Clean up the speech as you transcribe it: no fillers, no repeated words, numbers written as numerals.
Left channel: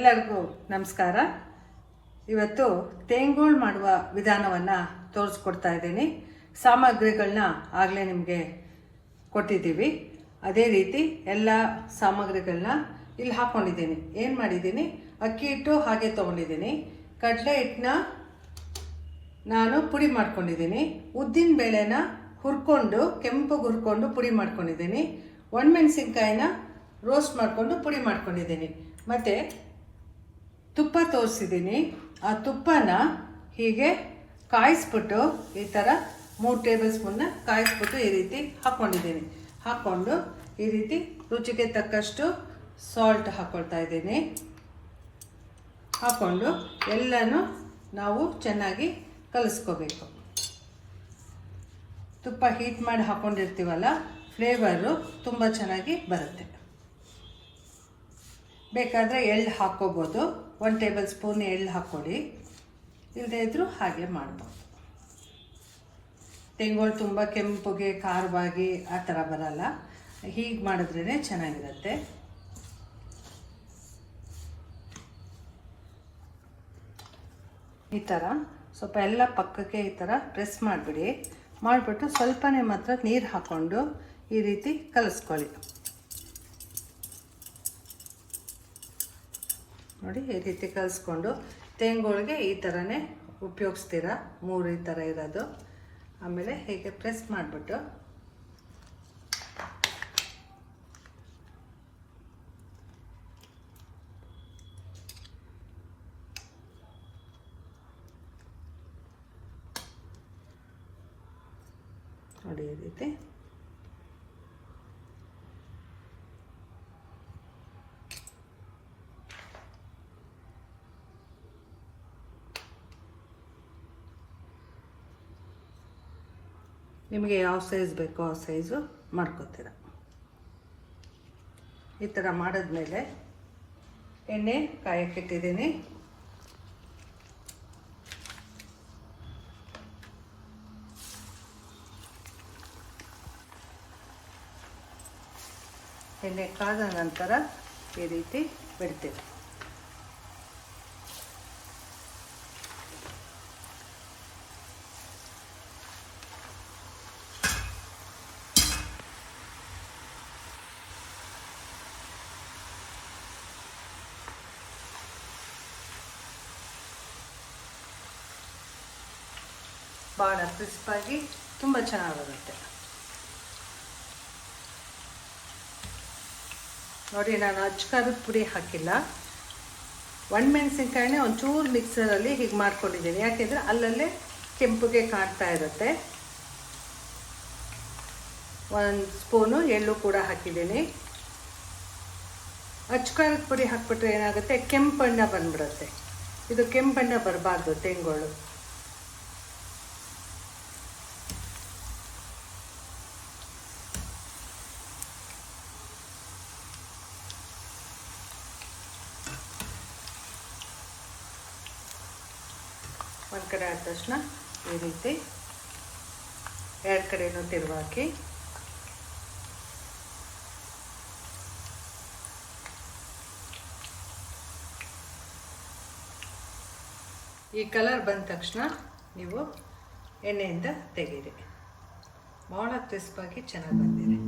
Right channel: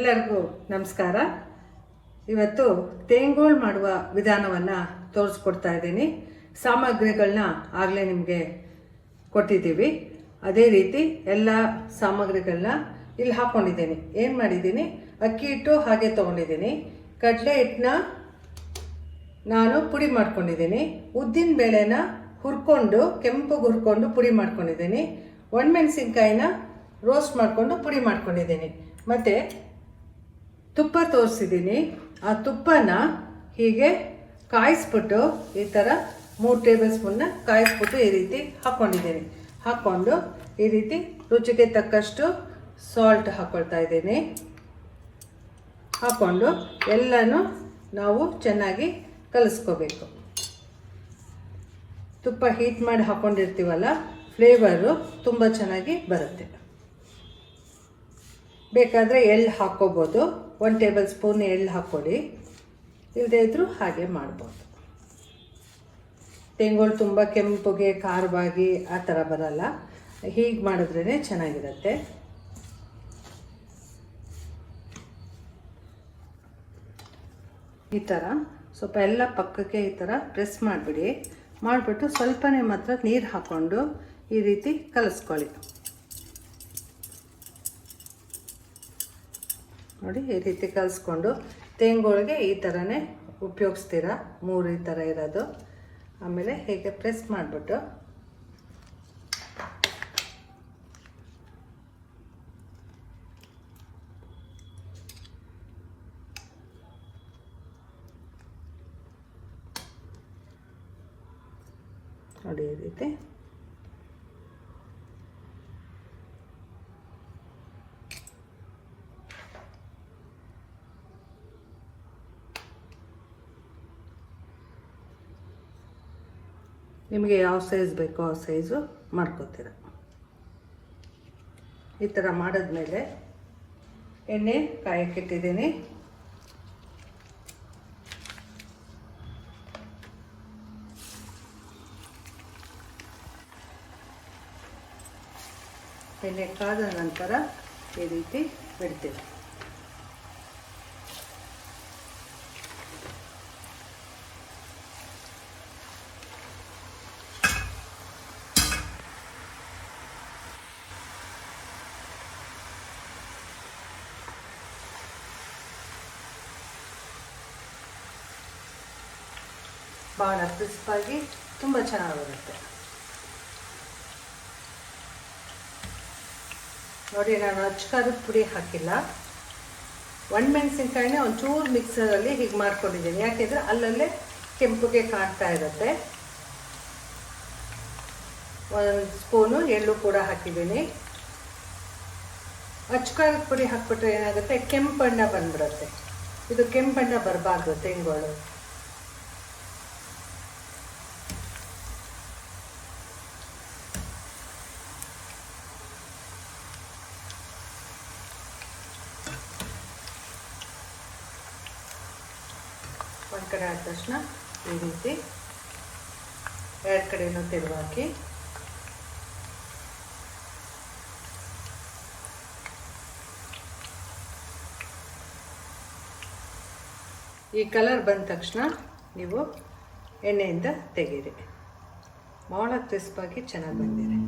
ಎಲ್ಲರಿಗೂ ನಮಸ್ಕಾರ. ಇವತ್ತು ತೇಂಗೋಳು ಮಾಡುವ ವಿಧಾನವನ್ನು ತೋರಿಸ್ಕೊಡ್ತಾ ಇದ್ದೀನಿ. ಸಾಮಗ್ರಿಗಳನ್ನ ಆಗಲೇ ನಿಮಗೆ ಕೊಟ್ಟಿದ್ದೀವಿ. ಅದೇ ರೀತಿ ಎಲ್ಲ ಸಾಮಗ್ರಿಗಳನ್ನ ಇಲ್ಲಿ ಹಾಕ್ಕೊಂಡಿದ್ದೀನಿ. ಏನು ಮಾಡಿದ್ದೀನಿ, ಅಕ್ಕಿ ಹಿಟ್ಟು ಹಾಗೆ ತೊಗೊಂಡಿದ್ದೀನಿ. ಕಡಲೆ ಹಿಟ್ಟನ್ನ ನಾನು ಪುಡಿ ಮಾಡ್ಕೊಂಡಿದ್ದೀನಿ. ಉದ್ದಿನ ಬೇಳೆನ ಹುರ್ಕೊಂಡು ಕೆಂಪಗೆ ಹುರ್ಕೊಂಡು ಪುಡಿ ಮಾಡ್ಕೊಂಡಿದ್ದೀನಿ. ಒಣಮೆಣಸಿನ್ಕಾಯಿನ ರೋಸ್ಟ್ ಮಾಡಿಕೊಂಡು ಪುಡಿ ಮಾಡ್ಕೊಂಡಿದ್ದೀನಿ. ಮತ್ತು ತುಪ್ಪ ತೋರಿಸಿದ್ದೀನಿ. ಆ ತುಪ್ಪನ ಹೀಗೆ ಕಾಯಿಸ್ಬಿಟ್ಟು ಈ ಥರ 3 ಟೇಬಲ್ ಸ್ಪೂನ್ನ ಕಾಯಿಸ್ಬಿಟ್ಟು ಈ ರೀತಿ ಹಾಕ್ಕೊಂಡಿದ್ದೀನಿ. ಹಾಕ್ಕೊಂಡು ಈ ರೀತಿ ರುಚಿಗೆ ತಕ್ಕಷ್ಟು ಸಾಲ್ಟ್ ಹಾಕ್ಕೊಳ್ತಾ ಇದ್ದೀನಿ. ಹಾಕ್ಕೊಂಡು ಎಲ್ಲನೂ ನಾವು ಚೆನ್ನಾಗಿ ಕಲಿಸ್ಕೋಬೇಕು. ತುಪ್ಪ ಹೀಟ್ ಮಾಡಿ ಹಾಕ್ಕೊಂಡಿರ್ತೀವಲ್ಲ, ಫ್ಲೇವರು ತುಂಬ ಚೆನ್ನಾಗಿ ಬರುತ್ತೆ. ಬೇಕಾದರೆ ಎಳ್ಳು ಹಾಕ್ಕೋಬೋದು. 1 ಟೇಬಲ್ ಸ್ಪೂನ್ ಎಳ್ಳು ಹಾಕ್ಕೊಳ್ಳಿ, ಇಲ್ಲದೇ ಇದ್ದರೂ ಹಾಗೆ ಮಾಡ್ಬೋದು. ತೆಂಗೋಳು ತುಂಬ ಕೆಂಪುಗೆ ಖಾರವಾಗಿ ಆ ಥರ ಬರಲ್ಲ. ಹೀಗೆ ಮಾಡಿದ್ರೇ ಚೆನ್ನಾಗಿರುತ್ತೆ. ಈ ಥರ ಸ್ವಲ್ಪ ಎಲ್ಲ ಪಕ್ಕಕ್ಕೆ ಈ ಥರ ಪ್ರೆಸ್ ಮಾಡಿಬಿಡಿ. ಮಾಡಿಬಿಟ್ಟು ಸ್ವಲ್ಪನೇ ಮಾತ್ರ ನೀರು ಹಾಕ್ಕೊಂಡು ಈ ರೀತಿ ಕಲಿಸ್ಕೊಳ್ಳಿ. ನೋಡಿ, ಈ ರೀತಿ ಕಲಿಸ್ಕೊಂಡು ತೇಂಗೋಳಿಗೆ ಈ ಥರನೇ ಉಪಯೋಗಿಸ್ತೀರಾ. 3 ಈ ಥರ ಇರೋದು. ಆಮೇಲೆ ಹೀಗೆ ಪ್ರೆಸ್ ಮಾಡಿಬಿಟ್ಟು ನೋಡಿ ಈ ರೀತಿ ನಿಮಗೆ ಯಾವ ಸೈಜ್ ಬೇಕೋ ಆ ಸೈಜು ಮಾಡ್ಕೋತೀರ. ಈ ಥರ ಮಾಡಿದ್ಮೇಲೆ ಎಣ್ಣೆ ಕಾಯಕ್ಕಿಟ್ಟಿದ್ದೀನಿ. ಎಣ್ಣೆ ಕಾದ ನಂತರ ಈ ರೀತಿ ಬಿಡ್ತೀವಿ. ಭಾಳ ಕ್ರಿಸ್ಪಾಗಿ ತುಂಬ ಚೆನ್ನಾಗಿರುತ್ತೆ. ನೋಡಿ, ನಾನು ಅಚ್ಕಾರದ ಪುಡಿ ಹಾಕಿಲ್ಲ. ಒಣಮೆಣಸಿನ್ಕಾಯಿನ ಒಂಚೂರು ಮಿಕ್ಸರಲ್ಲಿ ಹೀಗೆ ಮಾಡ್ಕೊಂಡಿದ್ದೀನಿ. ಯಾಕೆಂದರೆ ಅಲ್ಲಲ್ಲೇ ಕೆಂಪುಗೆ ಕಾಣ್ತಾ ಇರುತ್ತೆ. 1 ಸ್ಪೂನು ಎಳ್ಳು ಕೂಡ ಹಾಕಿದ್ದೀನಿ. ಅಚ್ಕಾರದ ಪುಡಿ ಹಾಕ್ಬಿಟ್ರೆ ಏನಾಗುತ್ತೆ, ಕೆಂಪಣ್ಣ ಬಂದ್ಬಿಡುತ್ತೆ. ಇದು ಕೆಂಪಣ್ಣ ಬರಬಾರ್ದು ತೆಂಗೋಳು. ಒಂದು ಕಡೆ ಆದ ತಕ್ಷಣ ಈ ರೀತಿ 2 ಕಡೆನೂ ತಿರುವು ಹಾಕಿ ಈ ಕಲರ್ ಬಂದ ತಕ್ಷಣ ನೀವು ಎಣ್ಣೆಯಿಂದ ತೆಗೀರಿ. ಭಾಳ ಕ್ರಿಸ್ಪಾಗಿ ಚೆನ್ನಾಗಿ ಬಂದಿದೆ.